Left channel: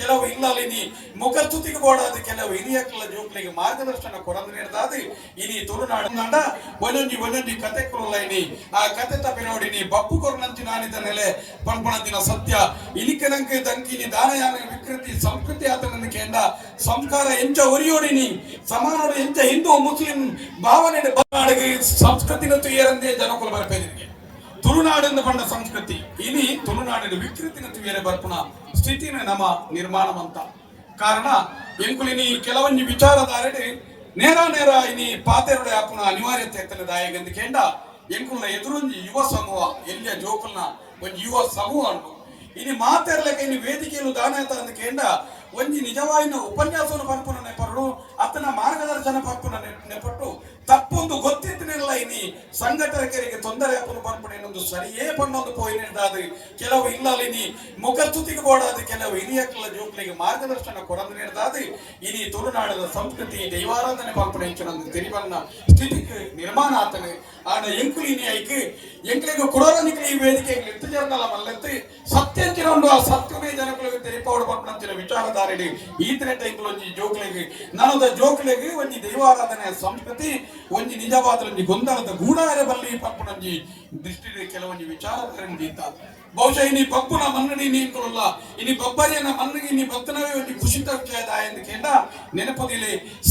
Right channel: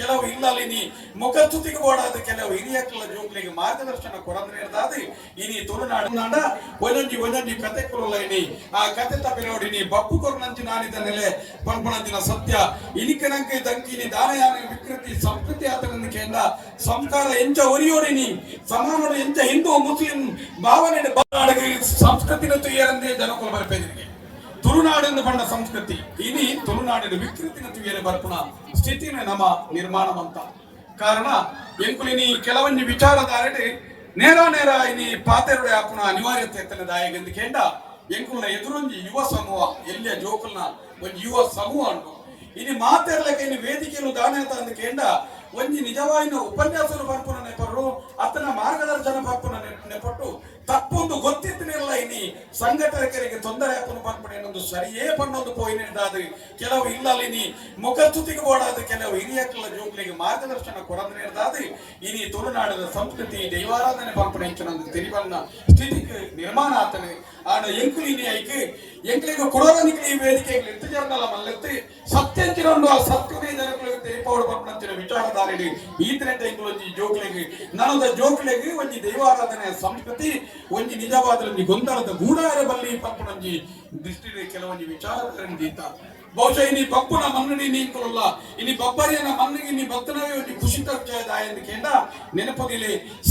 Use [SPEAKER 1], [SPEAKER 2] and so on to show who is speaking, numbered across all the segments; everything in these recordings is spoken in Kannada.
[SPEAKER 1] ಕೆಲವು ಇಲ್ಲಲ್ಲಿ ಮುಖಸ್ತುತಿಗೆ ಓಡಾದ ಕೆಲವು ಹಿರಿಯಕ್ಕಳ ಜೋಕ್ಲಿಗೆ ಮಾರ್ಗದರ್ಶನ ಕೊಡಂದ್ರೆ ಇರ್ದಾದ ಇನಿ ತುಳುನಾಡು ಒಂದೊಂದು ಒಂದೊಂದು ಕತೆ ಕೊರಲ್ಲ ಇನಿ ಆ ಕತೆ ತಪ್ಪಿ ನೋಡಿ ನೀ ಬಪ್ಪು ಕೊರನಂತಿ ನಾನಿದ ನೆಲೆ ದಿನ ಸತ್ಯ. ಇಲಿಕನಂಕೆ ದಂಕಿನಿ ದಾನಯಾನ ವಿಕೃತಿ, ಸಂಸ್ಕೃತಿ ಆತನ ಕೇಂದ್ರ. ಸಂಸ್ಕಾರ ಎಂಚ ಒರಿಯೋಡಿನಿ ಸಮಾನ ಎಂಚ ಹಿಂದೂ, ಮುಸ್ಲಿಂ ಭಾವನೆ ಸಂಸ್ಕೃತಿ ಸಂಸ್ಕೃತಿನ ತುಯ್ಯರಂದೇ ಜನಕುಲ ಬರ್ಪೇದಿರಿಗೆ ತುಳುನಾಡಿನ ಬಂದ ಸಂಸ್ಕೃತಿ ಇನಿ ತುಳುನಾಡಿನ ವಿಕೃತಿನ ತುಯ್ಯರೆ ಬರ್ಪುನ ಸ್ಥಿತಿನ ನಮ ನಿರ್ಮಾಣವಂತ ಕಾರಣ ಎಂಕುಲಿನಿ ಕೆಲವೊಂದು ವಿಚಾರಧಾರೆ ನೇರ ನೇರ ಇನಿ ಪಾತೆರುಡೆ ಹಾಪುನ ಅನಿವಾರ್ಯತೆ ಎತ್ತನದಾಯಗೆಂದು ಕೇಂಡ ಎಂಕುಲ ಎದುರೊಂಜಿ ಯುವ ಸಮೂಹ ಎಲ್ಲಿಯ ಜೋಕಲ್ನ ಒಂದು ಯುವ ಸಮೂಹ ಉಂಟು ಇನಿ ಮಾತೆರ್ಲಕ್ಕೆ ಇನಿ ವೇದಿಕೆಯನ್ನು ದಾನತ ಅಂದ ಕೇಂಡ ಒಂಜಿ ನಿಜವಾಯಿನ ಉಪನ್ಯಾಸನ ಪಂಪನ ನೆಪರು ಅತನ ಮಾರ್ಗದರ್ಶನ ಪಂಪನ ನೆಪಟ್ಟು ತಪ್ಪೊಂದು ಗೊತ್ತಿತ್ತಿನೆಲ್ಲ ಇನಿ ಸಂಘಟಕರಿಗೆ ತೊಂದರೆ ಹಾಕೊಂಡು ಪಂಪನ ಏನೊಂದು ಸರಿಯೇ ಪಣ್ಣೊಂದು ಪೋಯಿನಿದಾದ ಕೆಲವು ಇಲ್ಲಲ್ಲಿ ಮುಖಸ್ತುತಿಗೆ ಓಡಾದ ಕೆಲವು ಹಿರಿಯಕ್ಕಳ ಜೋಕ್ಲಿಗೆ ಮಾರ್ಗದರ್ಶನ ಕೊಡಂದ್ರೆ ಇರ್ದಾದ ಇನಿ ತುಳುನಾಡಿನ ಸಂಸ್ಕೃತಿ ದೈವಾರಾಧನೆ ಪಂಪನ ಹೆಂಚಿನೊಂದು ತಿರುವನ್ನ ಸ್ಥಿತಿಗೆ ನಿರ್ಮಾಣ ಆತನೆ ಆಡ ಎಂಕುಲಿನಿ ಐಕೆ ಎಂಕಲಿಗೆ ಕೊಡೋರನಿಗೆ ಈ ವೇದಿಕೆಗೆ ಎತ್ತುಜರ್ನಲ್ಲ ಮಲ್ಲೆತ್ತಿ ಒಂದು ಆ ಸತ್ಯವೇ ಜನಗಳಿಗೆ ತೆರಿಪೋಡು ಈ ವಿಚಾರಧಾರೆಡಿ ಈತನೆ ಒಂದು ಜೋಕ್ಲಿಗೆ ನನದ ಜೋಕ್ಲಿಗೆ ಒಂಜಿ ದೈವಾರಾಧನೆ ಸಂಸ್ಕೃತಿ ಒಂಜಿ ನಿಜವಾದ ಒಂದು ಗೊಂದಲದ ಗೂಡಾರೆ ಬಲ್ಲಿ ಪಪ್ಪನಂಜಿ ದೃಷ್ಟಿಯಲ್ಲಿ ಕೆಲವೊಂದು ವಿಚಾರಧಾರೆ ದೀತ ಬಹುಶಃ ಇನಿ ಪಪ್ಪುನ ಮನ್ನಣಿ ನೀನ್ಕೊಳ್ಳಲ್ಲ ಇನಿ ಬಬ್ಬರಿಯನ ಮನ್ನಗಿ ನೀ ಭಕ್ತನವೇ ಒಂದು ಖುಷಿ ತರ್ಚಯದ ಎಂದು ಕೇಂದ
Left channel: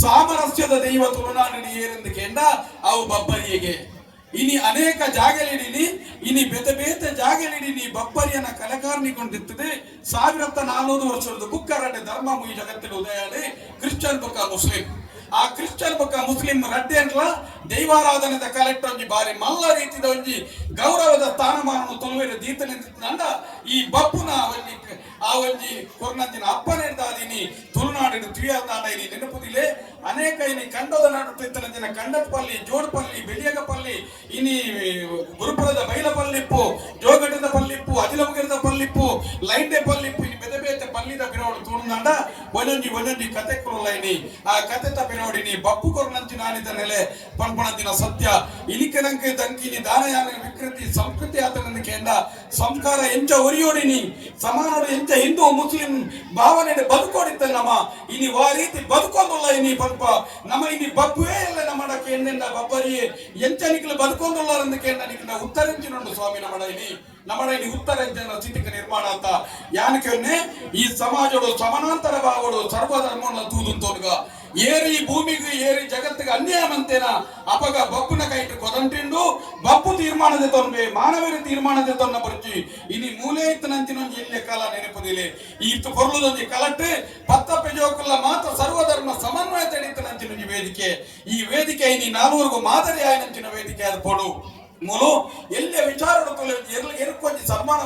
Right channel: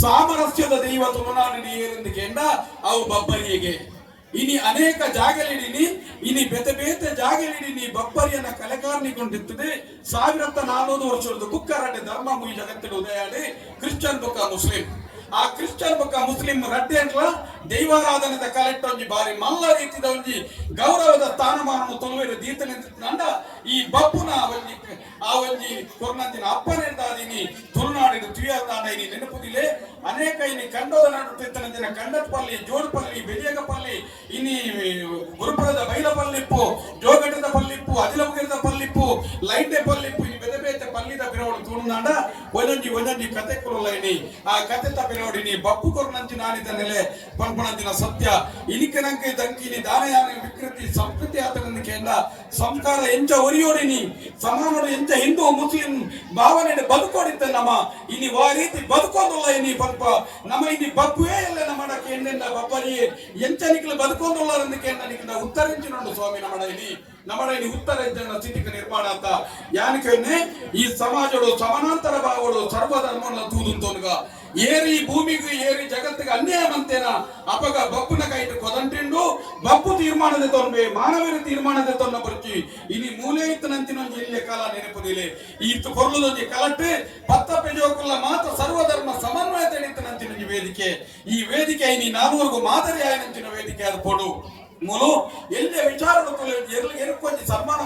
[SPEAKER 1] ಸಾಮರಸ್ಯದ ದೈವ ತುಳುನಾಡಿನ ಏರೆಂದು ಕೇಂದ, ಅವು ಬಬ್ಬರಿಯಗೆ. ಇನಿ ಅನೇಕ ಜಾಗಲಿಡಿನಿ ಇನಿ ಬೆತೆ ಬೇತೆ ಜಾಗಲಿಡಿನಿ ಬಬ್ಬರಿಯನ್ನ ಕಲೆಕಾರನಿಗೊಂಡಿರ್ತದೆ ಸಾವಿರತ್ತ ನಾನೂರು ವರ್ಷದ ಕುಕ್ಕರಡ್ಡೆ ಧರ್ಮ ಮುಯಿ ಜಗತ್ತಿನ ಉದಯಾಡಿ ಕ್ರಿಶ್ಚಿಯನ್ ಬೊಕ್ಕ ಮುಸ್ಲಿಂ ಆ ಕ್ರಿಶ್ಚಿಯನ್ ಬೊಕ್ಕ ಮುಸ್ಲಿಂ ರಡ್ಡೆ ಅಂಟ್ಲ ದೈವಾರಾಧನೆದ ಕಲೆಕ್ಟ್ ಬಾರಿ ಮಲ್ಲ ರೀತಿದ ಒಂಜಿ ಗೌರವದ ಸ್ಥಾನಮಾನವನ್ನು ತೊಲುವೆರ ದೀತನಿಂದ ಈ ಬಪ್ಪುನ ಒಂಜಿ ಆ ಒಂಜಿ ಕೊರ್ನಂಚಿನ ಅಪ್ಪನೆಂದಾದಿನಿ ತುಳುನಾಡಿನ ತುಯಾದಾಡ ನೆನಪುದಿಲ್ಲ ನೆನಪುದಿಲೆ ಅನೇಕ ಇನಿ ಕಂಡೋದ ನಾಡು ತಿತ್ತನಂದಿನ ಕಂಡಪಲ್ಲಿ ಜೋಡ್ಪಲ್ಲಿ, ಬೆಲಿಯಗಪಲ್ಲಿ, ಇನಿ, ಗುರುಪುರದ ಬೈಲಪಲ್ಲಿಪ್ಪು ಜೋಗಡದ ಪಲ್ಲಿಪ್ಪು ಅದಿಲಮಗಿರದ ಪಲ್ಲಿಪ್ಪು ಲೈಂಡೆ ಪಲ್ಲಿಪ್ಪು ಇನಿ ಬೆದೆ ಬೇತೆ ಪಲ್ಲಿದ ಬಿರೋಡು ತುಳುನಾಡ ಒಂದೊಂಜಿ ಒಂದೊಂಜಿ ಕತೆ ಕೊರಲ್ಲ ಇನಿ ಆ ಕತೆ ತಪ್ಪಿನೋಡಿ ನೀ, ಬಪ್ಪು ಕೊರನಂಚಿ ನಾನಿದ ನೆಲೆ ಪಂಪಣಂಚಿನ ಸತ್ಯ. ಇಲಿಕನಂಕೆ ದಂಕಿನಿ ದಾನಯಾನ ವಿಕೃತಿ, ಸಂಸ್ಕೃತಿ ಆತನ ಕೇಂದ್ರ. ಸಂಸ್ಕಾರ ಎಂಚ ಒರಿಯೋಡಿನಿ ಸಮಾನೋಡು ಎಂಚ ಹಿಂದೂ ಮುಸ್ಲಿಂ ಭಾವನೆ ಬದುಕೋಡಿತ್ತ ನಮ್ಮ. ಇನಿ ವಾ ರೀತಿ ಬದುಕೋದಿಲ್ಲ ಇನಿ ಪಂಪ ನಮ್ಮ ಇನಿ ಬಪ್ಪುವೇ ಇಲ್ಲ ನಮ್ಮ ಕೇಂದ್ರ ಬಬ್ಬರಿ ಎಂಚ ನಿಕ್ಲು ಬದುಕೋದಿಲ್ಲ ಅಂದ ಕೇಂದ್ರ ನಿಕ್ಲ ಉತ್ತರಿಂಚಿನೊಂಡು ಸ್ವಾಮಿ ನಮ್ಮ ಇನಿ ನಮ್ಮ ಇನಿ ಉತ್ತರ ಜನರ ಸ್ಥಿತಿಕ ನಿರ್ಮಾಣ ಅಂತ ಯಾನಕ್ಕೆ ಈ ಸಮಾಜಗಳು ಸಮಾನಾಂತರ ಭಾವಗಳು ಸರ್ವಧರ್ಮವನ್ನು ತೂದುಂತೋನ್ಗ ಏರಿ ಭೂಮಿಗೆ ಏರಿ ಜಗತ್ತಿಗೆ ಅನ್ಯಾಯ ಮಂತೇನ ಅಪಗ ಬಪ್ಪುನ ಕೈಟ್ ಕೊದಂಟಿಂಡು ಬಪ್ಪು ತೀರ್ಮಾನದ ತೊಂಬೆ ಮಾನವರ ತೀರ್ಮಾನದ ತೊನ್ನ ಬರ್ಚಿ ಇನಿ ಮೂಲೆ ಇತ್ತನಂತಿನ ಇಲ್ಲೇ ಕಾಲ ನೆನಪುದಿಲೆ ಈ ಕೊರ್ಲುದೊಂದಿ ಕಲಟ್ಟೆ ಪತ್ತ ಪೆಜೋಕಲ್ಲ ಮಾತ್ರ ಸರ್ವಧರ್ಮ ಸಮನ್ವಯ ತಡೀತನಂತಿನ ಈ ವೇದಿಕೆ ಈ ವೇದಿಕೆ ಇನಿ ನಾನೂರ್ಗು ಮಾದರಿ ಆಯನಂಚಿನ ವೇದಿಕೆ ಅದು ಕೊಡು ಮೂಲು ಎಲ್ಲೇ ವಿಚಾರಗಳು ಎಲ್ಲ ಎರುಕೊಂಜಿ ಸನ್ಮಾನ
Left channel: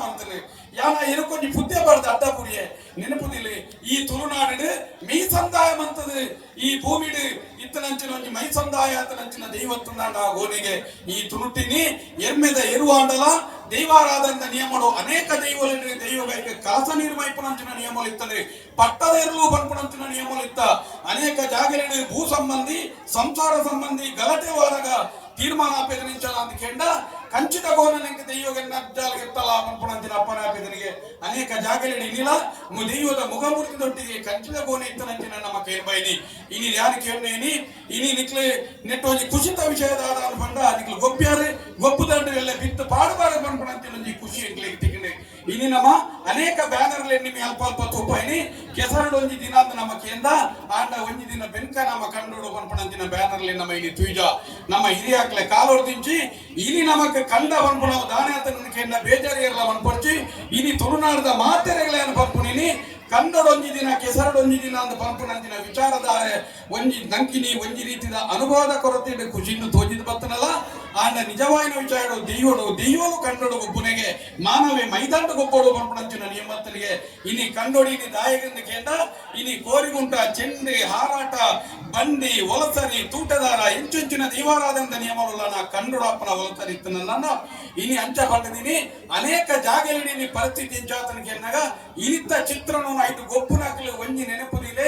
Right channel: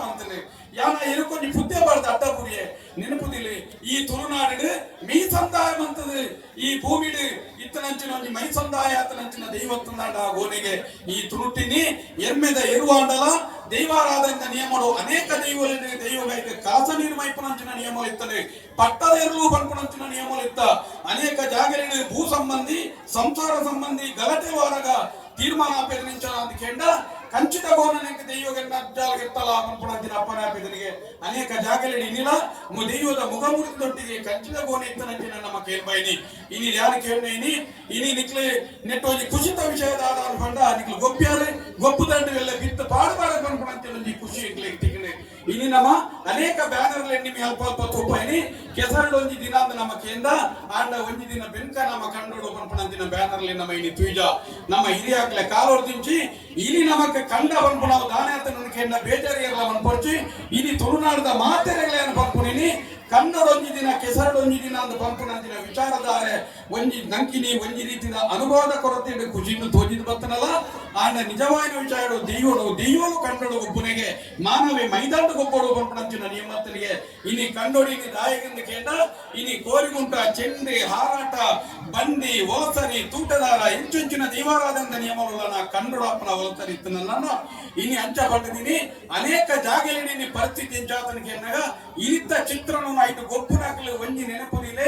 [SPEAKER 1] ಮಾಡ್ತಾನೆ ಯಾವ ಎರುಕೊಂಜಿ ಬುದ್ಧಿ ಬಾರ್ದು ಅಡ್ಡಪುರಿಯೆ ನೆನಪುದಿಲ್ಲ ಈ ತುಳುನಾಡಿಡು ಮೀ ಸಂದಾಯ ಮಂತದು ಈ ಭೂಮಿಡು ಇತ್ತನಂಚಿನ ಒಂಜಿ ಮೈ ಸಂದಾಯ ಆತನಂಚಿನ ದೈವತ್ತುಂದಾಂಡ ಗೋನೆಗೆ ಈ ತುಳುಟಿನಿ ಎಮ್ಮೆದ ಎರುವಾಂಡಲ ದೈವಾರಾಧನೆದ ನಿಯಮಗಳು ಅನೇಕ ದೈವಗಳು ದೈವಗಳಿಗೆ ಕಾಸ ನಿರ್ಮೈಪುನಂಚಿನ ನಿಯಮಗಳು ಇರ್ತದೆ ಪಟ್ಟದ ಎರಲು ಬಂಪುನಂಚಿನ ನಿಯಮಗಳು ಇತ್ತ ಅನೇಕ ಜಾಗಗಳಲ್ಲಿ ಭೂ ಸಂಬಂಧಿ ಸಂಸಾರ ಸಂಬಂಧಿ ಗಲಾಟೆ ವಾರಗ ತೀರ್ಮಾನ ಆಪೇದನಿಂಚಲ ಅಂತ ಕೇಂದ್ರ ಕಂಚಿತ ಗೋನನಿಗೆ ದೈವಗೆನ್ನ ಅಜ್ಜಾಲಗಿರ್ತಲ್ಲ ಮನ್ಪುಣಂತಿನ ಅಪ್ಪನ ಆಪೇದನಿಗೆ ಅನೇಕ ಜಾಗಗಳಲ್ಲಿ ನಿಲ ಮು ದೈವದ ಮುಖಮುರಿದೊಟ್ಟಿಗೆ ಕಂಚಿತ ಗೋನೆ ಇತ್ತನಂಚಿನ ನಮ್ಮ ಕೇಳ್ಬೈನಿ ಇನಿ ಯಾರು ಕೇಳ್ನೇನಿ ಇನಿ? ನಿಕ್ಲೆ ನೆಟ್ಟೊಂಜಿ ಕುಸಿತ ವಿಷಯದ ಅನ್ಕೊಂಡ ನಿಕ್ಲು ಗೊಪ್ಪ್ಯಾರೆ. ಗೊಪ್ಪುದಂಡು ಎಲ್ಲ ಬಿತ್ತು ಪಾಡಬಾರ ಮನ್ಪುಣಂತಿನ ಖುಷಿ ಇಕ್ಲಿಗೆ ತಿಕ್ಕನೆ ಇನಿ ನಮ್ಮ ಅನೇಕ ಬ್ಯಾನರ್ ನಿಮ್ಮ ಅಲ್ಪ ಅಲ್ಪ ತೋಪಾಯಿನಿ ಕೆಸರಡು ಒಂಜಿ ದಿನ ಅಂದ್ ನಮ್ಮ ಕೇಂದ್ರ, ಆಂಡ ಒಂಜಿ ದಿನ ಬೆನ್ಕ ನಮ್ಮ ಕಂಡು ಪನ್ಪಣಂತಿನ ಬ್ಯಾನರ್ಲೆ ನಮ್ಮ ಇಲ್ಲಿ ತ್ವೀಜ ನಮ್ಮ ಹಿರಿಯಾಕ್ಲೆ ಕಾಲೋರ್ದಿಂಚಿ ಇಲ್ಲಿ ನಮಕ್ ಕಂಡ ಪನ್ಪುಣ ದಾನ ಕೇಂದ್ರ ಬೇಜಾರಿ ಎಲ್ಲ ಬಂದ್ಪಡ್ಚಿ ಇಲ್ಲಿ ತುಳುನಾಡದ ಮಾತೆರೆಗಳೇನು ಪನ್ಪುನಿನಿ ಕನ್ನಡ ಒಂಜಿ ದಿನ ಕೆಸರಡೊಂದು ದಿನ ಅಂದ್ ಪನ್ಪುಣಂತಿನ ವಿಚಾರಧಾರೆ ಒಂಜಿ ನಂಕಿನಿ ಒಂಜಿ ರೀತಿಯ ಅನುವಾದ ಕೊರತೆ ಖುಷಿಯನ್ನು ತೋಜಿದ್ ಬತ್ತನಲ್ಲ ಆಂಡ ನಿಜವಾದ ವಿಚಾರ ದೆಯ್ಯೋಡು ದೆಯ್ಯೋಡು ಕಂಡೋಡು ಒಬ್ಬನಿಗೆ ಮಾನವೇ ಮೈದಾಂಡ ಗೊಬ್ಬರು ಪನ್ಪುಣಂಚಿನ ನಿಯಮತ್ತರಿಗೆ ಇನಿ ಕಂಡೋಡಿ ಇನಿ ದಾಯಕರಿಂದ ಕೇಂದ್ರ ಇನಿ ಕೋರಿಗುಂಟ, ಚೆಂಡೆ, ಹಾರಾಟ, ಬಂಡಿ ಒಲಸರಿ ತೂಟದಾರ, ಇಂಚುಂಚಿನ ನಾ ನಿಯಮಗಳನ್ನ ಕಂಡುಡಪ್ಪನ ಒಲಸರಿತ್ತನಲ್ಲ ಇನಿ ಅಂಚ ಬಂದಿದ್ದೀನಿ ಅನೇಕ ಜಾಗದಲ್ಲಿ ಪರಿಸ್ಥಿತಿ ಇಂಚಾತನ ಕೇಂದ್ರಾಗ ಇಲಿತ್ತ ಚಿತ್ರನು ಆಯ್ತು ಗೊಪ್ಪುನಾಕಲು ಒಂಜಿ ನೆನಪುದಿಲೆ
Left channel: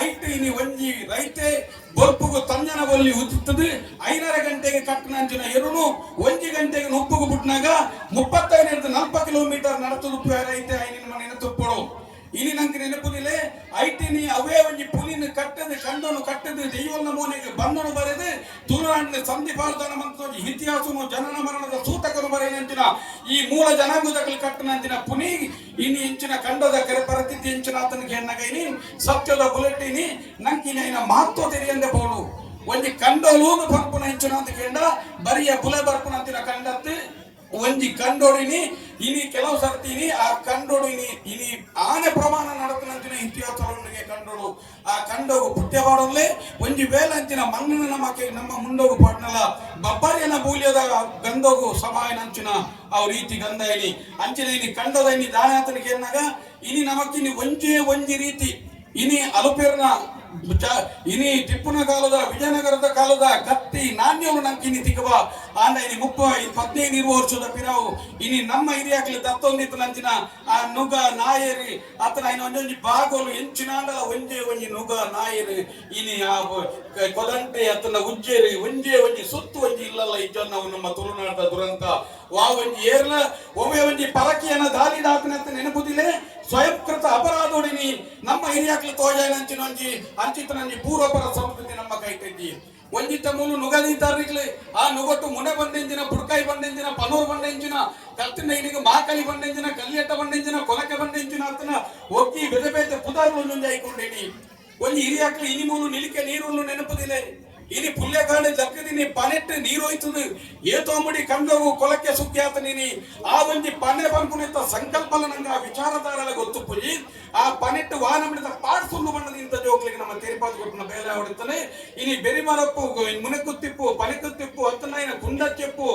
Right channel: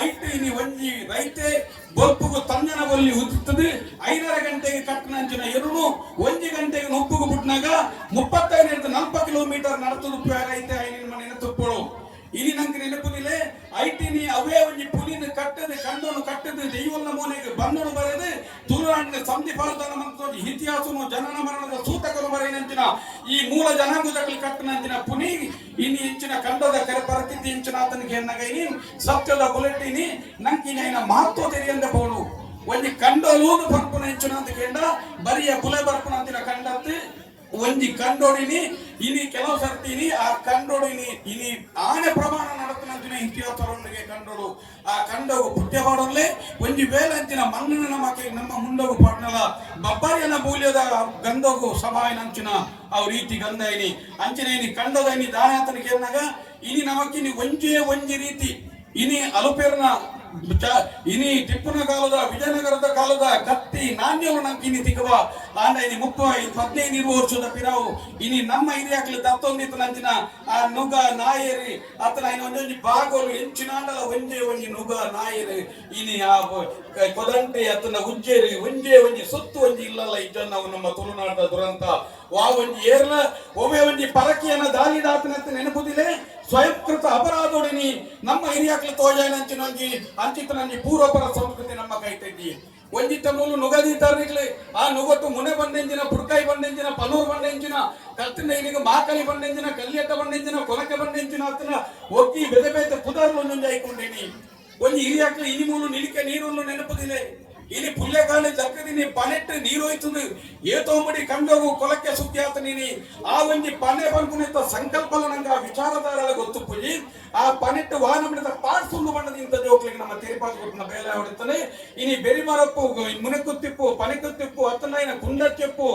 [SPEAKER 1] ಐಟಿ ಒಂಜಿ ರೈತೆ ಬೊಪ್ಪುಗು ತಂದನ ಒಲ್ಲಿ ಉತ್ತುತ್ತದೆ ಐದರ ಗಂಟೆಗೆ ಕಟ್ಟನಂಚಿನ ಎರಡೂ ಒಂಜಿ ಗಂಟೆಗೆ ನುಪ್ಪುಗು ಬಿಟ್ಟಾಗ ಮುಪ್ಪತ್ತೈದರಿಂದ ನಾಲ್ಕು ಕಿಲೋಮೀಟರ್ ನಡೆಸೋದು ರೈತೆ ಐನಿನ ನೆನತುಪ್ಪಳು ಇಲ್ಲಿ ನಂಗೆ ನೆನಪುದಿಲ್ಲ ಐಟಿ ನೀ ಅವೇ ಒಂಜಿ ಪುಲಿನ ಕಟ್ಟದೆ ಕಣ್ಣನ್ನು ಕಟ್ಟದೆ ದೈವನ ಮೂಲೆಗೆ ಬಂದನು ಬರೆದು ಸಂಧಿ ಮತ್ತು ಇತಿಹಾಸವನ್ನು ಜನನ ಮರಣದ ಸೂತಕನು ಬರೆಯಂಚಿನ ಈ ಮೂಲ ಜನಾಂಗದಲ್ಲಿ ಕಟ್ಟಿನಂತಿನ ಪುನಿ, ಇನ್ನು ಇಂಚಿನ ಕಂಡದ ಕರೆ ಬರತಿದ್ದ ಇಂಚಿನ ಆತನಿಗೆ ಹೆಣ್ಣಗೈನಿ ಸತ್ಯದ ಬುಲೆಟಿನಿ ನಂಕಿನ ಮಹತ್ವ ತೆರೆಯಂದೆ ಬೋಳು ಒಂದು ಕಂಡಲೂನು ಬರ್ಪುನ ಇಂಚಿನ ಅಂತ ಕಂಡ ಬರಿಯ ಬುಲೆ ಬರ್ಪುನ ಅಂತಿನ ಕಂಡತ್ತೆ ಒಂಜಿ ಕಂಡೋಡಿನಿ ಇನಿ ಕೆಲವು ಸರ್ತಿನಿ ಆ ಕಂಡೋಡು ಇನಿ ಇನಿ ಆನೆ ಪ್ರಮಾಣ ನಡತನಂಚಿನ ಇತಿಹಾಸರೊಂದಿಗೆ ಕಂಡೋಡು. ಆ ಕಂಡವು ಪುಟ್ಯ ಪಾಡೋನ್ಲೆ ಒಂಜಿ ಬೇಲಂಚಿನ ಮಣ್ಣಿನ ನಮಕ್ಕೆ ನಮ್ಮ ಮುಂಡೋಗು ಪಾಟ್ನಲ, ಬಬ್ಬಾರಿಯನ್ನ ಮೂಲ್ಯದ ಗಂಧೋಗು ಸಭಾಯನಂಚಿನ ಆ ರೀತಿ ಗಂಧ ಇನಿ. ಅಂಚಿನ ಇನಿ ಕಂಡದ ಇನಿ ಎನ್ನಾಗ ಇನಿ ನಮಕಿನಿ ಒಂಜೇ ಒಂಜಿ ರೀತಿ, ಇನಿ ಅಲುಪೇರ್ನ ಇನಿ ಟಿಪ್ಪುನ ಕಾಲದ, ವಿಜಯನಗರದ ಕಾಲದ ಕತ್ತಿ ನಾಣ್ಯವನ್ನು ನಮ್ಗೆ ಇನಿ ತಿಕ್ಕವ ಆಂಡ ಇನಿ ಮುಪ್ಪ, ಈ ಹದಿನೈದು ಇರುವ ವರ್ಷದ ಪಿರಾವು. ಇನಿ ನಮ್ಮ ಹಿರಿಯಾಗ್ಲಿ ದತ್ತೊಂದಿತ್ತು ನಂಚಿನ ಆ ನುಗ ನಾಯರಿ. ಅತನ ಇನ್ನೊಂದೊಂದು ಬಾಗೋಲು ಎಂಚಿನಾಂಡಲ ಒಂಜೆ ಒಂಜಿ ನುಗ ನಾಯರಿ. ಇನಿ ಆ ಕೊದಂಟೆ ಅತನ ಉಜ್ಜೇರಿ, ಒಂದೇ ಒಂಜಿ ಸುತ್ತು ಒಂಜಿ ಇಲ್ಲಲ್ಲ ಇಜ್ಜನ್ನ ನಮ್ಮ ತುಳುನಾಡದ ದುರಂತ. ವಾ ಒಂಜಿ ಏರ್ಲ, ಒಮ್ಮೆ ಒಂಜಿ ಪರಕೆಯನ್ನು ದಾಳಿ ದಾಪಿನಂತ ನೆನಪುದಿಲೆ, ಸ್ವಯಂಕೃತ ಅಪರಾಧೋಡಿನಿ. ನಮ್ಮ ಹಿರಿಯಾಗ್ಲಿ ತೋಜಾಯನಂಚಿನ ಒಂಜಿ ಅಂಚಿತ ನಂಜಿ ಪೂರ್ವಪರ ಸಂಸ್ಕೃತಿ ನಮ್ಮ ಕೈ ಒಂದಿತ್ತ ಮೂಲು ನುಗದಿ ತಾರಿಗ್ಲಿ ಆ ನುಗಟ್ಟು ಮುನೆ ಬಂಡೆಂಜಿನ ಬುಡ್ಕಾಯಿ ಬಂಡೆಂಜಿನ ಪನೂರು ಬಂಡೆಂಜಿನ ಕತ್ತಿನ ಮಾಕಲಿ ಬಂಡೆಂಜಿನ ಕಲ್ಯತ ಬಂಡೆಂಜಿನ ಕೊಲಕೆ ಬಂಡೆಂಜಿನ ಅತ್ತನ ಒಕ್ಕಿ ಬೆದೆ ಬೇತೆ ಪುದಾರು ಒಂದೊಂದು ಐಕೊಂಡೇನಿ ಒಂದು ಹಿರಿಯಾಕ್ಲಿ ಇನಿ ಮೂಲು ನಿಲಿಕೆ ನೀರನ್ನು ನೆನಪದಿಲ್ಲ ಇನಿ ಪುಲ್ಯಗಾಣ ಜಕ್ಕದಿನಿ ಪನೆಟ್ಟು ನೀರು ಹೋಯ್ತದು. ಏತೋಮಡಿ ಕಂಡವು ಕೊಲಕ್ಕೆ ಸುದ್ದಿ ಆತನಿನಿ ಆ ಒಂಜಿ ಪನೆ ಬಂಪುನಿತ ಸಂಕಲ್ಪನ ನಂಗೆ ಆ ವಿಚಾರಧಾರ ಗೊತ್ತು ಆ ಪನೆಟ್ಟು ವಾಹನ ಬಿಡದ ಪಾಟ್ ಸುಳ್ಳು ಬಣ್ಣದ ಜೋಕ್ಲಿಗೆ ನಮ್ಮ ತಿರುಪಾದ ಗುರುನ ಬೇಲೆ ಹೊಡುತ್ತಾನೆ ಇನಿ ಬೆರಿಮರಪ್ಪು ಮುನಕುತ್ತಿಪ್ಪು ಪನಿಕುತ್ತಿಪ್ಪು ಅತ್ತನ ಕುಂದ ಕುಂಡಚ್ಚೆಪ್ಪು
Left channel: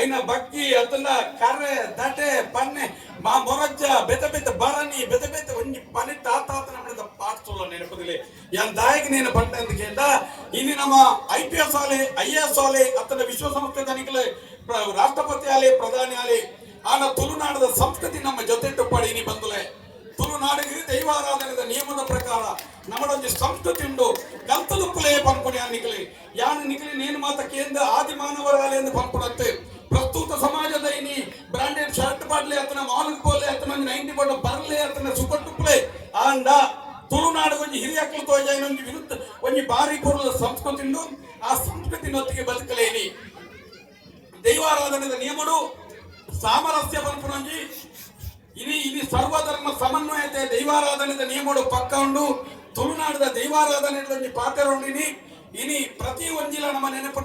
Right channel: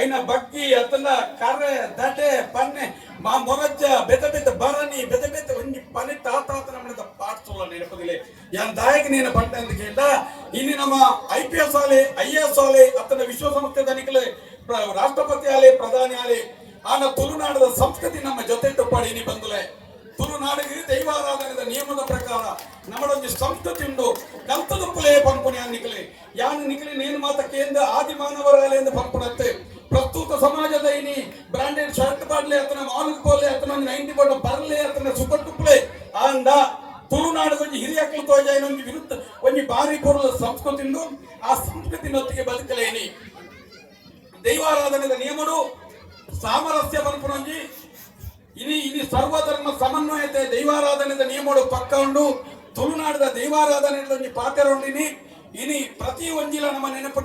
[SPEAKER 1] ಐನ ಬಗ್ಗಿ ಅತನ ಕರ್ರೆ, ದಟೆ, ಪನ್ನೆ, ಮಾ ಮೊರಜ್ಜ, ಬೆತ ಬೆತ ಬರನಿ ಬೆತ ಬೆತ ಒಂಜಿ ಪನಿ ತಾತ ನಮ್ಮದ ಪಾಟ್ ಸುಳ್ಳು ನೆನಪದಿಲೆ ಯಾನ್ ದಾಯಕ ನೀನು ಪಂಟ ಅಂತ ಕೇಳ ಇನ್ನು ನಮ್ಮ ಐ ಪಿ ಎಸ್ ಆಲೆ ಐ ಎಸ್ ಆಲೆ ಅತನ ವಿಶ್ವಸಂಸ್ಥೆ ತನಿಖಲೆ ರಾಷ್ಟ್ರಪತಿ ಆಲೆ, ಪ್ರಧಾನಿ ಆಲೆ, ಆನ ತುಳುನಾಡದ ಸಂಸ್ಕೃತಿ ನಮ್ಮ ಜೊತೆ ಟುಪ್ಪಾಡಿನಿ ಬಂದಲೇ. ತುಳುನಾಡಿಗೆ ದೈವಾರಾಧನೆದ ನಿಯಮದ ಪ್ರಕಾರ ಪುಲೆ ಪಂಪುಣಿ ಅನ್ನಿಕಲೆ ಯಾನು ನಿಕಲಿ ನೇನು ಮಾತ ಕೇಂದ್ರ ಆದಿ ಮಾನವರಾಲೆ ಎಂದು ಪಂಪುಣತ್ತೆ ಪ್ರಸ್ತುತ ಸಮಾಜದ ಇನಿ ಬ್ರಾಂಡೆಡ್ ಶರ್ಟ್ ಬಾಡ್ಲೆ ಅತನ ಮಾಲಕ್ ಕೋಲೆ ಅತನ ನೈಂಟಿ ಬಡ ಬರ್ಲೆ ಅತನ ಟುಪ್ಲೆ ಆಂಡ ತುಳುನಾಡು ಒಂಜಿ ಹಿರಿಯಕ್ಕಳು ತೋಜಾಯಿನ ಒಂದು ವಿರುದ್ಧ, ಒಂಜಿ ಬಾರಿ ಕೊಡುವ ಸಂಸ್ಕೃತಿ ಆ ಸಂಸ್ಕೃತಿನೊತ್ತಿಗೆ ಬದುಕಲೇನಿ. ದೈವಾರಾಧನೆದ ನಿಯಮಡು ಸಾಮರಸ್ಯ ಪಂಪುನೊಂಜಿ. ಇನಿ ಇನಿ ಸರ್ವಧರ್ಮ ಸಮನ್ವಯತೆ ದೈವಾರಾಧನೆದ ನಿಯಮಡು ಪಕ್ಕ ಉಂಡು. ತುಳುನಾಡದ ದೈವಾರಾಧನೆ ಪಾತ್ರ ಇನಿ ಪ್ರತಿ ಒಂದಿಲ್ಲ ನಮ್ಮ ನೆನಪು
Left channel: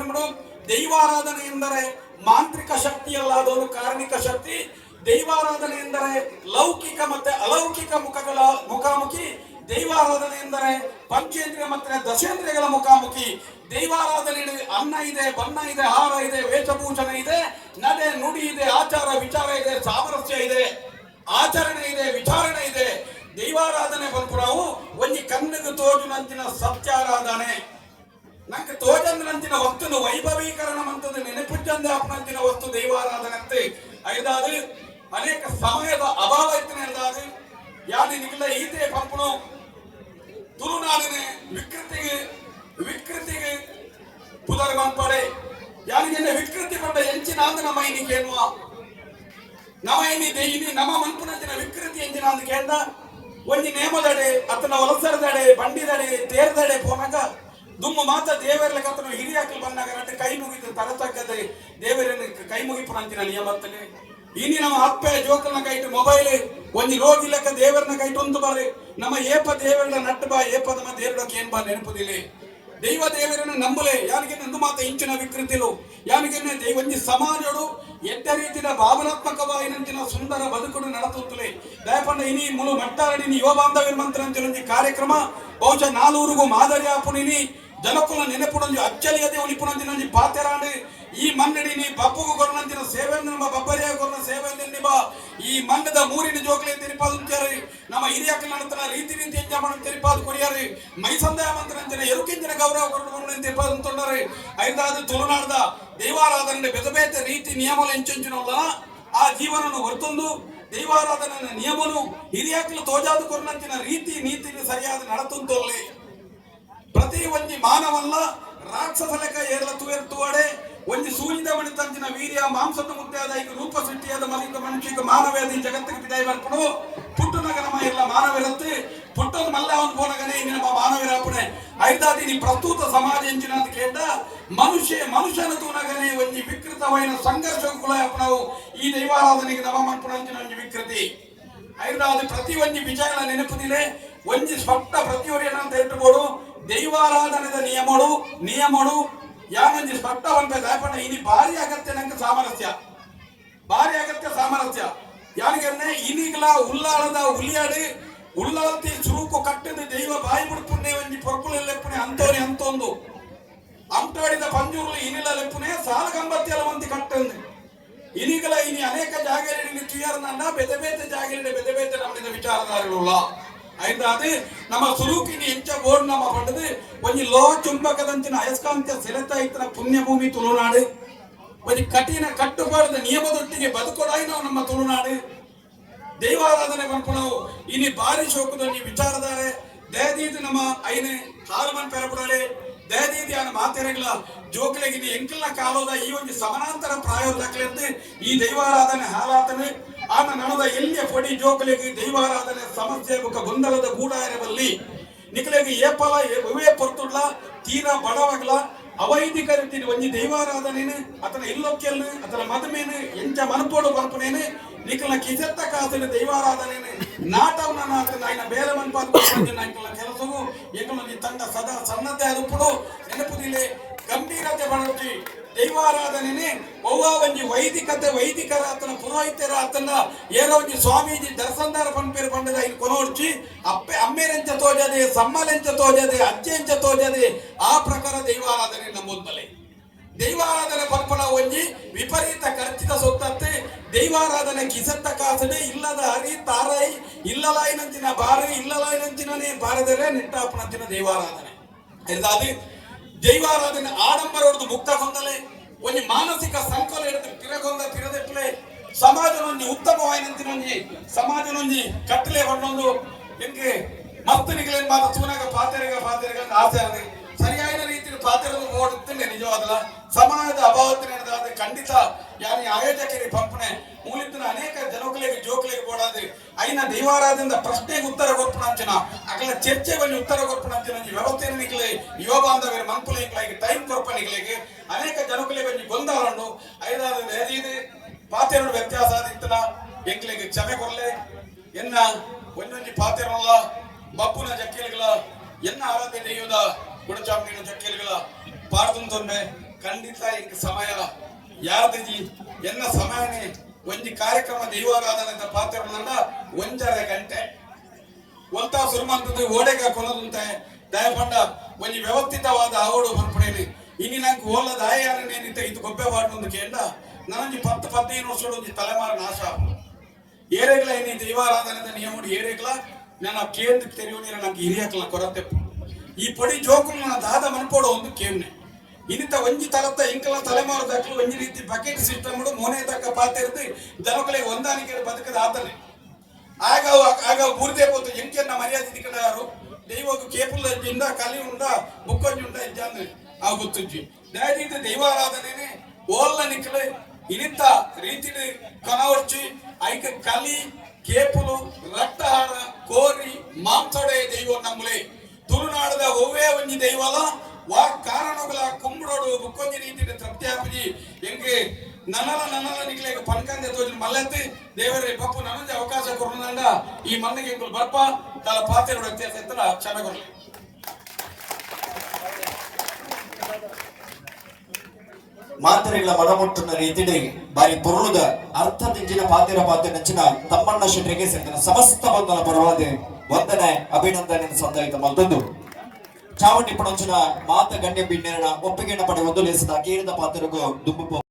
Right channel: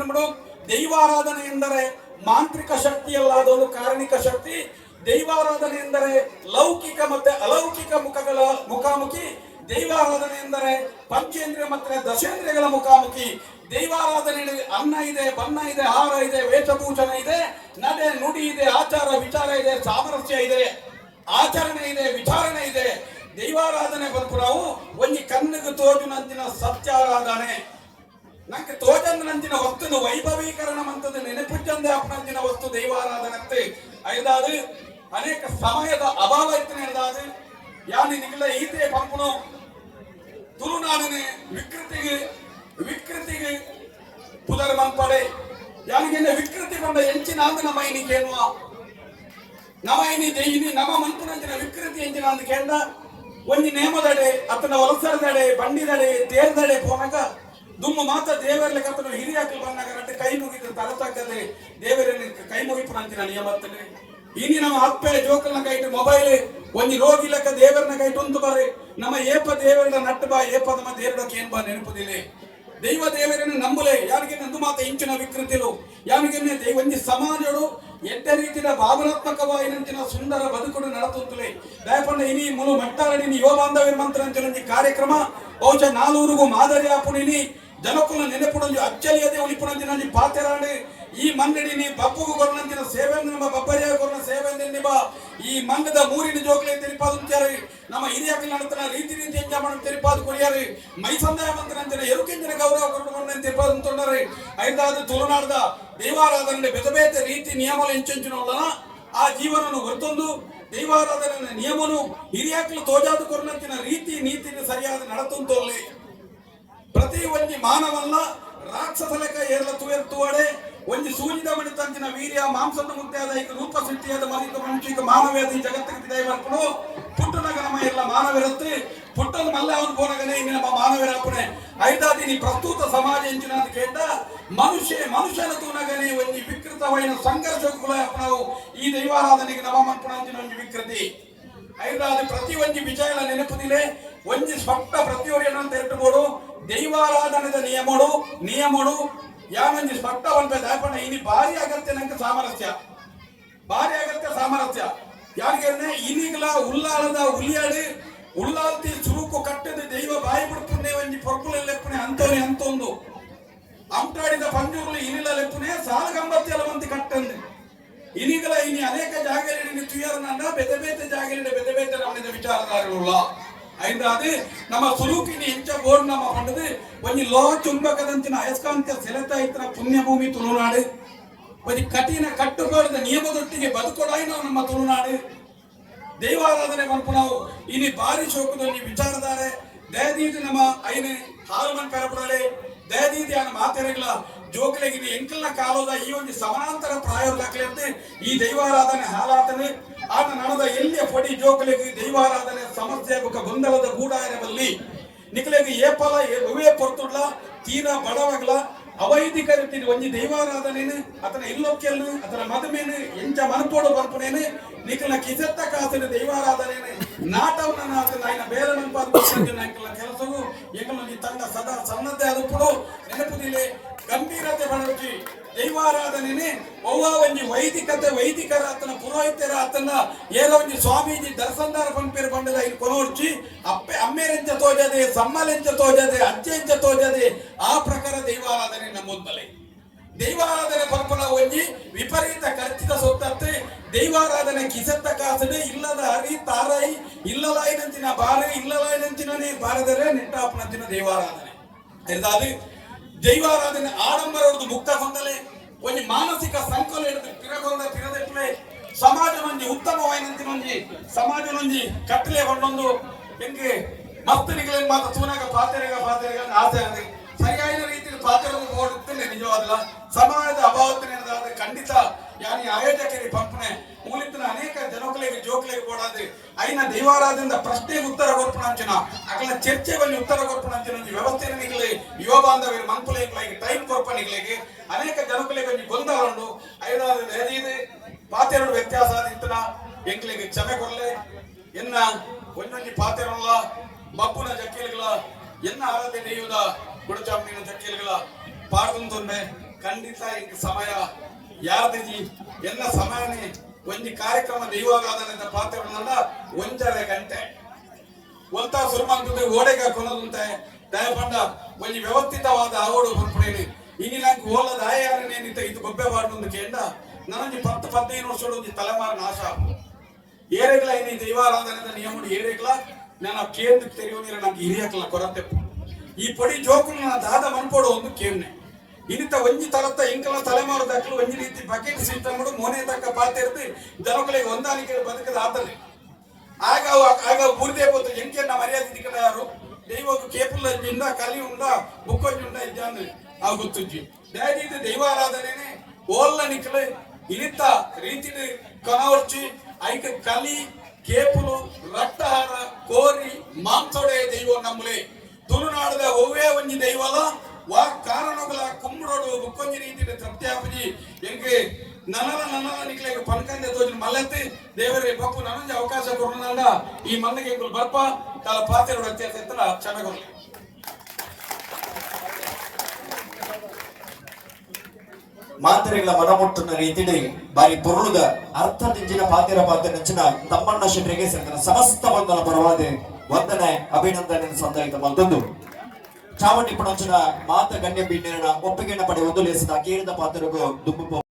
[SPEAKER 1] ದೈವಾರಾಧನೆ ಎಂದರೆ ಮಾಂತ್ರಿಕ ಶಕ್ತಿ ಅಲ್ಲದೊಂದು ಕಾರಣಿಕ ಶಕ್ತಿ. ದೈವಾರಾಧನೆ ಎಂದರೆ ಲೌಕಿಕ ಮತ್ತೆ ಅಲೌಕಿಕ ಮುಖಗಳ ಮುಖಾಮುಖಿ. ದೈವಾರಾಧನೆ ಎಂದರೆ ಪಂಚೇಂದ್ರಿಯ ಮತ್ತೆ ದಶೇಂದ್ರಿಯಗಳ ಮುಖಾಮುಖಿ. ದೈವಾರಾಧನೆ ಅನ್ನ ಇದೆ, ಬಣ್ಣ ಇದೆ, ಹಾರ ಇದೆ, ವೇಷಭೂಷಣ ಇದೆ. ನಡೆ, ನುಡಿ ಇದೆ, ಆಚಾರ, ವಿಚಾರ ಇದೆ, ಸಾಮರಸ್ಯ ಇದೆ, ಆಚರಣೆ ಇದೆ, ವಿಚಾರಣೆ ಇದೆ. ದೈವಾರಾಧನೆ ಬಂತು ನಾವು ತೋಜುನಂತಿನ ಸತ್ಯಾರಾಧನೆ. ನಂಗೆ ತೋಜಂದಿನಂತಿನ ವಸ್ತುನ ವೈಭವೀಕರಣ ಮಂತದ ನೆನಪಿಟ್ಟಂದೆ ಅಪ್ಪನಂತಿನ ವಸ್ತು ದೈವಾರಾಧನೆ ಅಂತ ಐದಾದು ಅನೇಕ ಸಮಯದ ಅಭಾವ ಇತ್ತನೆ ಐದಾದು ಯಾನಿ ನಿಖಿಲ ಈತೆ ಪಂಪನು ತುಳುನಾಡನೆ ವಿಕೃತಿಗೆ ವಿಕೃತಿಗೆ ಪುದರ್ ಮಂಪಡೆ. ಯಾನಿಗೆ ವಿಕೃತಿ ಕೊಂಡ ಎಂಚಿನ ನಮೈನಿ ಎನ್ನುವ ನವೈನಿ ದೇಯಿನಿ ನವ ಮಂತ್ರನಂಚಿನ ವಿಕೃತಿ ಎಂಚಿನ ಅಂದ್ ಕೇಂದ್ರ ಒಂಜಿ ನೇಮದಡೆ ಅತನ ಒಲಸರದಡೆ, ಬಂಡಿದಡೆ, ತೇರ್ದಡೆ ಪೋನಾಗ ದುಮ್ಮ ಮಾತ ದೇವರಲ್ಲಿ ಕತ್ತನು ಹಿರಿಯಾಕಲು ಬಂದಾಗ ನಟ್ಟೆ ಕೈ ಮುಗಿದು ತರತಕ್ಕದೆ ತಕ್ಕದೆ ದೇವರನ್ನು ಕೈ ಮುಗಿಪುನಂಚಿನ ನಿಯಮತ್ತಲೆ ಇನಿ ನಮ್ಮ ಅಪ್ಪೆ ಜೋಕಲ್ನ ಕೈಟ್ ಮೊಬೈಲ್ ಒಂಜಿ ರೋಗಿ ಲೆಕ್ಕ ದೇವರನ್ನ ಕೈಟ್ ಒಂದು ಬಾರಿ. ನಮ್ಮ ಏಪ ದೇವರನ್ನ ನಟ್ಟು ಬಾ, ಏಪ ನಮ್ಮ ದೇವರಕ್ಕೆ ಏನ್ ಬಾ ನೆನಪುದಿಲ್ಲ ದೈವ ದೇವರನ್ನು ನಂಬಲೆ. ಯಾರಿಗೆ ನಂದು ಮಾತ ಇಂಚಿನ ವಿಕೃತಿಲು ಯಾರಿಗೆ ಒಂದು ಒಂಜಿ ಸಮಾಜಡು ಎಡ್ಡ ರೀತಿಯ ಭಾವನಾತ್ಮಕವಾಯಿನಂಚಿನ ಸುಂದರ ಬದುಕುಡು ನಡತುತ್ತಲೆ ದಯಪಂಡ ಇನಿ ಮುಲು ಮಟ್ಟಾರಡಿನಿ ಯುವ ಬಾಂಧವ್ಯ ಮಂತ್ರ ಒಂಜಿ ಕಾರ್ಯಕ್ರಮ ಬಹುಶಃ ನಾಲೂರಿಗೂ ಮಾದರಿ ಆಪುಣಿನಿ ಜನಕುಲ ನೆನಪುಡೊಂಜಿ ಅಚ್ಚಲಿಯದೆ ಉಳಿಪುಣಂಜಿನ ಪಾತೆರಾಂಡೆ ಈ ಮನ್ನಡಿನಿ ಬಪ್ಪುಗು ಕೊರನಂಚಿನ ಸೇವೆ ನಮ್ಮ ಬಬ್ಬರಿಯ ಕೊರನ ಸೇವೆ ನಿಬ ಈ ಮಣ್ಣದ ಮೂರಿನ ಜೋಗಲಿ ತಿರುಪಾದುಂತ್ಯಾರಿ ನಮ್ಮ ಹಿರಿಯಕ್ಕಲ ನಂತರ ರೀತಿ ರೀತಿ ಎಂಜಾಮಣ ತಿರುಪಾದು ಕೊಡಿಯಾರಿ ಮೈ ಸಂದಾಯ ಮಂತ್ರನಂಚಿನ ಎರುಕೆಂಜಿನ ಗೌರವ ಕೊಟ್ಟು ತಿರುಪಾದುಂತೊಂಡರಿ ಐದಾದ ತುಳುನಾಡದ ದೈವಾರಾಧನೆ ಬೆದ ಬೇತೆ ರೀತಿ ನಿಯಮಲ ಎಂಚೆಂಚಿನಲ್ಲ ಆ ಜೀವನವನ್ನು ಹೊರತೊಂದು ದೈವಾರಾಧನೆ ನಿಯಮನು ಹಿರಿಯಕ್ಕಲು ತೋಜಾದು ಕೊರನಂಚಿನ ರೀತಿ ನೀತಿని ಸರಿಯಾದ ನಡತುಂತಲ್ಲಿ ಪ್ರತಿ ಒಂಜಿ ಮಾನವಲ್ಲ ರಾಕ್ಷಸ ಲೆಕ್ಕ ಏರ್ಲ ತುವೆರ್ತುವಡೆ ಒಂದು ಒಂಜಿ ಸೂಜಿದ ಮಣಿತಂಚಿನ ವೀರ್ಯ, ಮಾಂಸದ ಮುಂತಾದ ಈಗ ರೂಪ ಸೃಷ್ಟಿಯಾದ ಮನಿತ ಮನುಷ್ಯ ಮಾನವೇದ ಈ ಜಗತ್ತಿಗೆ ವಿದಾಯ ಮಾಡ್ಕೊಂಡು ಪುಟ್ಟನಗ ನಮ್ಮ ಎಲ್ಲ ಮಾನವಿರುತ್ತೆ ಪುಟ್ಟದ ಮಲ್ಲ ಅವನು ಇನ್ನು ನಮ್ಮ ಮಾನವ ಐದಾದಿ ಐದಾದಿನಿ ಪ್ರಸ್ತುತ ಕೇಂದ ಮನುಷ್ಯ, ಮನುಷ್ಯನ ತೂನಗನೆ ಒಂದು ವಿಕೃತವಾದ ಸಂಘರ್ಷಗಳ ನಾವು ಈ ದೈವಾರಾಧನೆಗೆ ನವಮನ್ಪುಣಂಚಿನ ಒಂದು ವಿಕೃತಿ. ಐದಾದಿ ಪ್ರತಿ ಒಂದು ವಿಜಯಗಳ ನೆನಪುದಿಲೆ ಒಂಜಿ ಸ್ವಪ್ನ ಪ್ರತಿಯೊಂದು ಅಂತ ಇಟ್ಟುಕೊಡು ದೈವಾರಾಧನೆದ ನಿಯಮಡು ನಿಯಮಗಳು ಯಾವಂಜಿ ಸ್ವಪ್ನ ಒಂದು ದಾಪಣ ಇನಿ ಭಾರಿ ಅಗತ್ಯ ನಂಗೆ ಸಾಮರಸ್ಯ. ಭಾರಿ ಅಗತ್ಯ ಸಾಮರಸ್ಯ. ಯಾರಿಗಂದ್ರೆ ಇನಿಗಲ ಉಲ್ಲಾಳದ ಉಲಿಯಾಡು ಉಲ್ಲಾಲ್ತಿ ಚುರುಕು ಕಟ್ಟದೆ ದೈವ ಬಾಯಿ ಬಿಡ್ಪುಣ್ಣೆ ಒಂಜಿ ಪೊರ್ಪುಲ ಲೆಪ್ಪುನೆ ಅಂತವರಿ ಅಂತೊಂದು. ಅಂಟಾಡಿದ ಪಂಜುರ್ಲು ಇನಿಲ ಸಾಲ ಸಾಲಗಂಬತ್ತಿ ಮಂದಿ ಕಟ್ಟಂದು. ಇನಿಗಲ ಇನಿ ಅನೇಕ ಜಾಗಗಳಲ್ಲಿ ತುಯರ್ನನ್ನ ಬೆದ ಬೇತೆ ಜಾಗದಲ್ಲಿ ಬೆದ ಬೇತೆ ನಮ್ಮಿದ ವಿಚಾರಧಾರೆಗಳ ಐದು నమ్మ ಸುರುಕಿನಿ ಇಂಚ ಬೋರ್ಡ್ ನಮ್ಮ ಪಂಡದು ಒಂಜಿ ಲೋಹ ಚುಂಬಕದಂಚಿನ ಅಯಸ್ಕಾಂತ ಸೆಳೆತ ಪುಣ್ಯ ಪುಣ್ಯಭೂಮಿ ತುಳುನಾಡು. ಒಂದು ಕಠಿಣ ಕಟ್ಟುಪಾಡಿದ ನಿಯಮದೊಟ್ಟಿಗೆ ಬದುಕೊಡಾಯಿ ನಮ್ಮ ತುಳುನಾಡು. ದೈವಾರಾಧನೆ ನಾವು ಇನಿ ಭಾರಿ ಶೋಕದಲ್ಲಿ ವಿಚಾರಧಾರೆ. ದಯದೀತಿ ನಮ್ಮ ಐನೆ ಕಾಲಮನ್ ಪೆರಪುರಲೆ ದಯದೀತಿ ಆ ಮಾತೆರೆಗಳ ಜೋಕುಲಗಿನ ಎಂಕಿಲ್ನ ಕಾಲದ ಈ ಒಂದು ಸಮಾನಾಂತರ ಪ್ರಾಯೋದಾಗಲಿಂತೆ ಈ ದೈವಾರಾಧನೆ ಹಾಲಾತನೆ, ಆತ ನಮದ ಎಲ್ಲಿಯ ಪಡಿ ಜೋಕುಲಿಗೆ ದೈವಾರಾಧನೆ ಸಮಸ್ಯೆ ಬೊಕ್ಕ ಗೊಂದಲದ ಗೂಡಾಯನದಲ್ಲಿ ನಿಖಲೆಗೆ ಏಪಲ ಒವೆ ಪೊರ್ತುಡ್ಲ, ತೀನ ಬಡವಗ್ಲ, ಅವೈದಿಕ ರೀತಿ ಒಂಜಿ ದೈವಾರಾಧನೆ ಅತನ ಇಲ್ಲೊಕ್ಕೆಲ್ ಅತನ ಮದುವೆನೆ ಎಂಚ ಮನಪೋಡು ಬರ್ಪಣೆನೆ ನಿಖಲ ಕಿಸೆತ್ತ ಕಾಸಿನ ದೈವಾರಾಧನೆ ನಾಟವನ್ನ ಆತನ ಆಯ್ನ ಬೇರೆ ಮನಪಾದ ಕೆಲಸವು ಎಂಕಲ ತಂಡ ಸದಾ ಸನ್ನದ್ದೇ ಆದಪ್ಪಡು ನೆನಪುದಿಲ್ಲ ಗಂಭೀರತೆ ಬಡಗಿ ದೈವಾರಾಧನೆನೆ ಒವ್ವ ಒಂಜಿ ವೈದಿಕತೆ ವೈದಿಕರ ಆತನ ಪುರೋಹಿತರ ಆತನ ಏನೋ ಒಂಜಿ ಸ್ವಾಮೀಜಿ ದರ್ಶನದಾರ ಪಂಪೇರು ಪಂಡದ ಇದು ಕೊನೋಡ್ಚಿ ಅಪ್ಪೆ ಅಮ್ಮೇರೆಂಚ ತೋಜದೆ ಸಮ್ಮಲೆಂಚ ತೋಜದೆ ಅಜ್ಜೆಂಚ ತೋಜದೆ ಆ ಪ್ರಕಾರ ದೈವಾರಾಧನೆ ನಮ್ಮೊಂದಲೇ ದೈವಾರಾಧನೆ ಪಂಪನ ಒಂಜಿ ವಿಪರೀತ ಖರ್ಚಿತ ಸೊತ್ತತ್ತೆ ದೈವಾರಾಧನೆ ಕಿಸೆತ್ತ ಕಾಸನೆ ಇಲ್ಲದ ಹರಿ ತಾರಾಯಿ ಇಲ್ಲಲಾಯಿನಂಚಿನ ಬಾರ ಇಲ್ಲಲಾಯಿನಂಚಿನೇ ಬಾರದರೆ ನಿಟ್ಟಾಪನಂಚಿನ ದೈವಾರಾಧನೆ ಎಂದಾದಿ దైవారాధన ఆడంబరవద్దు ముక్తగొందలే కొన్ని మానసిక సంకలు ఎడదు తిరగొంద తిరదట్లే ಸಮಾಜವನ್ನು ಉತ್ತಮವಾಯಿನಂತಿನೊಂಜಿ ಸಮಾಜನೊಂಜಿ ಕಟ್ಟಲೆ ಒಂದೊಂದು. ಎಂಗೆ ಮಸ್ತನಿಗಳೇನ್ ಮಾತ ಚೂನಾಗ ಪಾತ್ರೆಗ ಪಾತ್ರೆಗ ಆಸೆ ಆದ್ರೆ ಸರಿಯಾದ ರೀತಿಯಲ್ಲಿ ಪಾತ್ರೆ ಓಡುತ್ತೇನೆ ನಿಜವಾದಲ್ಲ. ಸಮಾಜದ ಅಭಾವತ್ತಿನ ಖಂಡಿತ, ಯಾರು ಆಯೋಜಕರಿಗೆ ಪಂಪನೆ, ಮೂಲಿತ ಅನೇಕ ಜನಗಳಿಗೆ ಜೋಕಲಿಗೆ ಓಡಾದ್ರೆ ಐನ ದೈವಾರಾಧನೆಯಿಂದ ಪ್ರಶ್ನೆಗೆ ಉತ್ತರ ಕೊಡ್ಪಣಂಚಿನ ಅಗಲ ಚರ್ಚೆ ಬಲ್ಲಿ ಉತ್ತರ ಕೊಡ್ಪಣಂಚಿನ ವ್ಯವಸ್ಥೆ ಯೋಗ ಅಂದ್ರೆ ಮಂಕುಲಿಗೆ ಟೈಮ್ ಕಂಪನಿಗಳಿಗೆ, ಅನೇಕ ಜನಗಳಿಗೆ ಬಂದು ಗೊಂದಲುಂಡು ಐದಾರು ಪಾತ್ರ ವ್ಯತ್ಯಾಸ ಆದಿತ್ತನ ಎಂಕ್ಲಿಗೆ ಕ್ಷಮೆ ಕೊರಲೆ ಎನ್ನ ಒಂದೊಂದು ಪಾತೆರಲ್ಲ ಮಪ್ಪುನ ಜಕ್ಕೀಲುಗಳ, ಎನ್ನ ಆರಾಧನೆ ನೆಯ್ಯುವುದ ಗುಡಚಾಮನಿನ ಜಕ್ಕೀಲುಗಳ ಪಾಡ್ತೊಂದೊಮ್ಮೆ ಖಂಡಿತ ಇಂಕ ಸಮಯ ಯಾರ್ದಿಜಿ ಎನ್ನ ಸಮಯನೇ ಒಂಜಿ ಕಾರ್ಯಕ್ರಮ ದೈವಾರಾಧನೆ ಪಾತ್ರಗಳನ್ನ ಒಂಜರೆ ಗಂಟೆ. ಒಂತ ಸುರ್ಮಂತದ ಓಡೆಗ ಕೊನದಂತೆ ದಯಪಂಡ ಒಂಜಿ ವ್ಯವಸ್ಥಿತವಾದ ಆವಡು ಬರ್ಪಡೇನಿ ಇನ್ನು ನಂಗೆ ಓಲ ದಾಯಾರನೇನಿತ್ತ ಇದು ಗೊಬ್ಬೆ ಬಾಡ್ನೊಂದು ಕೇಂಡ ನನಗೆ ಪತ್ತು ಪದಿನೈದು ವರ್ಷ ಒಂದು ತಲೆಮಾರು ನಾಶ ಏರೆಗ್ಲ ಇನಿ ದೈವಾರಾಧನೆ ನಿಯಮ ಏರೆಗ್ಲ ನಾನು ಕೇಂದ್ರ ತೆರೆಯುವ ನನಗೆ ಹಿರಿಯಕ್ಲ ಕೊರತೆ ಈ ಪಡಿ ಜೋಕುಲು ನಾನು ದಾದ ಮನ್ಪೋಡು ಒಂದು ಕೇಮ್ನೆ ಇಂಥ ಒಂಜಿ ತಲತ್ತ ಇಂಕಲ ತಲೆಮಾರು ದಾಖಲು ಒಂಜಿ ರೀತಿ ಬಕೆಟ್ ಸಿಸ್ಟಮ್ ಮೊನೆ ತಕ್ಕ ಪಾತಿರ್ದು ಜನಕಲೆ ಹೊಂದಾಣಿಕೆ ಬದುಕದ ಆತನೆ ಆಗ ಆಗ ಊರ್ದೇ ಪೋತು ಎಂಕೆನ್ನ ಮರ್ಯಾದೆ ದಿಕ್ಕದ ಯಾರು ದೈವಕ್ಕೆ ಕೇಪುಲ್ಲ ಇಂದ ಕಲಿ ಉಂಡ ಬುಕ್ಕೊಂಜಿ ಉಂಡ ಇದ್ದಾನೆ ಆ ಗೊತ್ತುಜ್ಜಿ ಡ್ಯಾಡಿ ದೈವಾರಾಧನೆನೆ ಓಲ್ಲ ನಿಕ್ಕಲೆ ಇನಿತ ರೀತಿ ಕನವರ್ಚಿ ಐಕ ಕಲಿ ಕೇಪುಲು ರಕ್ತಹಾರ ಕೋರಿ ಮಾಂಸೋಡೆಯ ದೈವ ನಮ್ಮಲೆ ತುಳುನಾಡದ ಒವ್ವೇ ಒಂಜಿ ದೈವಲ ವಾ ಕಾರಣಗಳ ಕುಂಬಳೋಡು ಬುಕ್ಕೊಂಜಿ ರೀತಿ ತೃಪ್ತಿಯಾಪಜಿ ಎಂಗೆ ನನ್ನಲ ನನ್ನಲ ನಿಕ್ಲೆಗೆ ಪನ್ಕಂದೆ ತೋಜಿ ಮಲ್ಲತ್ತಿ. ದೇವರೇ, ಬಪ್ಪು ಅವಕಾಶ ಕೊಡೋಣ ಈ ಮಣ್ಣಿಗೆ ಎಂಕುಲು ಬರ್ಪ? ತಲ ಪಾತ್ರ ಇತ್ತರ ಕ್ಷಮೆ ಕೊಡಲಿ
[SPEAKER 2] ಮಾತ್ರೆಗಳ ರೀತಿಯಲ್ಲಿ ಬಾರಿ ಪೊರುಳುದ ಅರ್ಥ ನೆಂಚಿನ ಪಾತಿರ ತಮ್ಮಣ್ಣ ಶೆಟ್ಟರಿಗೆ ಸೇರಿದ ಸಮಸ್ತ ಬಂಧನ ಪರವಾದ ವಂದನೆ ಅಭಿನಂದನೆ ಸಂದಾಯಿತ ಮತ್ತೊಂದು ಚಾವಣಿ ಪುಣಂಚಿನ ಮಾತ ಗಣ್ಯ ಬಿಡ್ನೇರನ ಒಪ್ಪಿಗೆನ ಪಡೆ ಒಂದು ಲೇಸದ ಕೇರಿದ ಪಾತ್ರಗೂ ದುಂಬು